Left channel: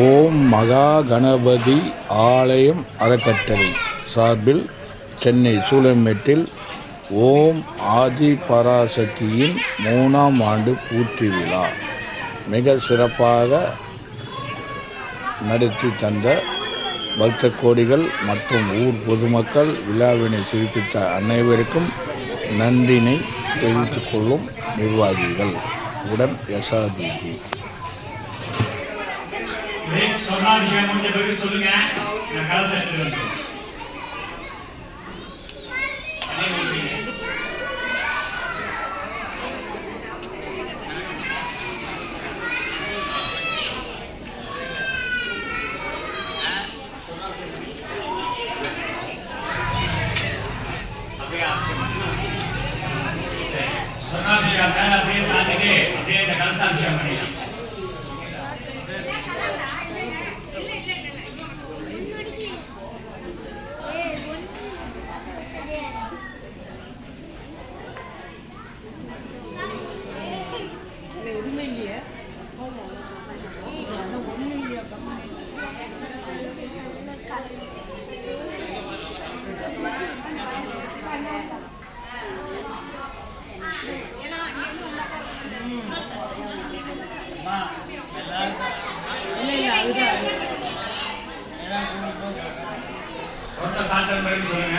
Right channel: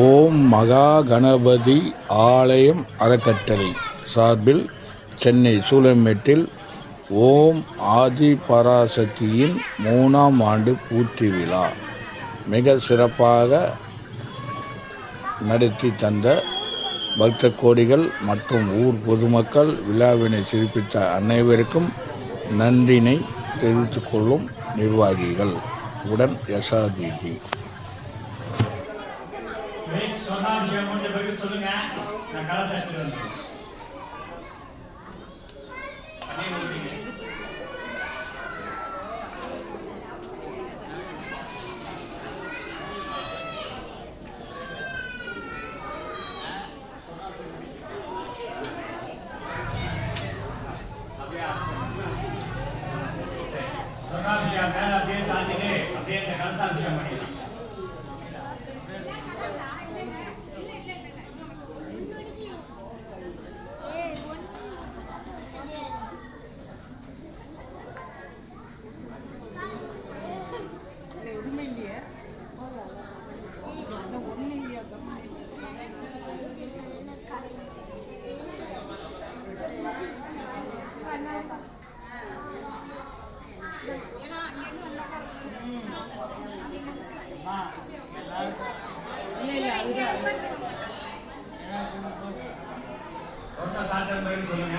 ஓம் மகா கணபதி ஆலயம் அறக்கட்டளை சார்பில் சென்னை சூலமேட்டில் ஓம் ஆதி பராசக்தியின் மூணாம் ஆண்டு பூர்த்தி விழா மிக சிறப்பாக நடத்தி தந்த பக்த கோடிகள் மற்றும் ஊர் பொதுமக்கள் விழாவினை சிறப்பித்த அனைவருக்கும் நன்றினை தெரிவித்துக் கொள்ளும் நிர்வாகிகள் உடன் எஸ்ஆர்பிஜி பிரேக் சொன்னா விஷயம் முடிஞ்ச பிறகு சொல்லுங்க நான் கலசம் எடுத்துட்டு வந்து சொன்னாபிஷேகம் அப்படியே சாத்திட்டு அப்படியே இந்த கலசாபிஷேகம் பண்ணிடலாம் ஒருத்தர் சாத்திர பிறகு சொல்லுங்க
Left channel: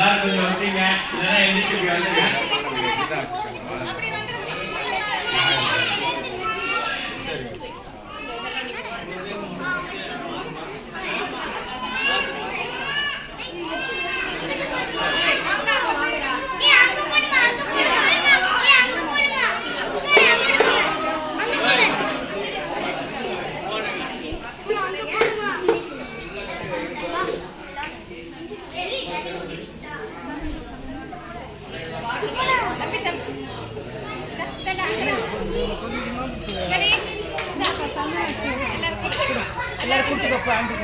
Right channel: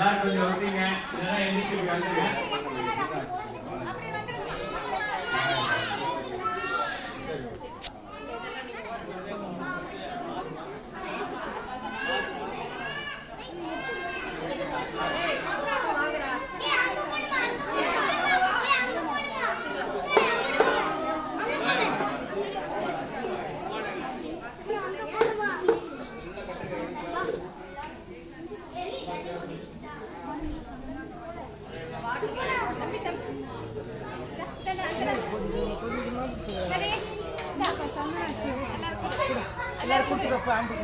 எல்லாரும் கொஞ்சம் வச்சீங்க இல்லைன்னா எந்திரிச்சு இப்படி எல்லாரும் கூட்டுக்கப்போ ஆண்டு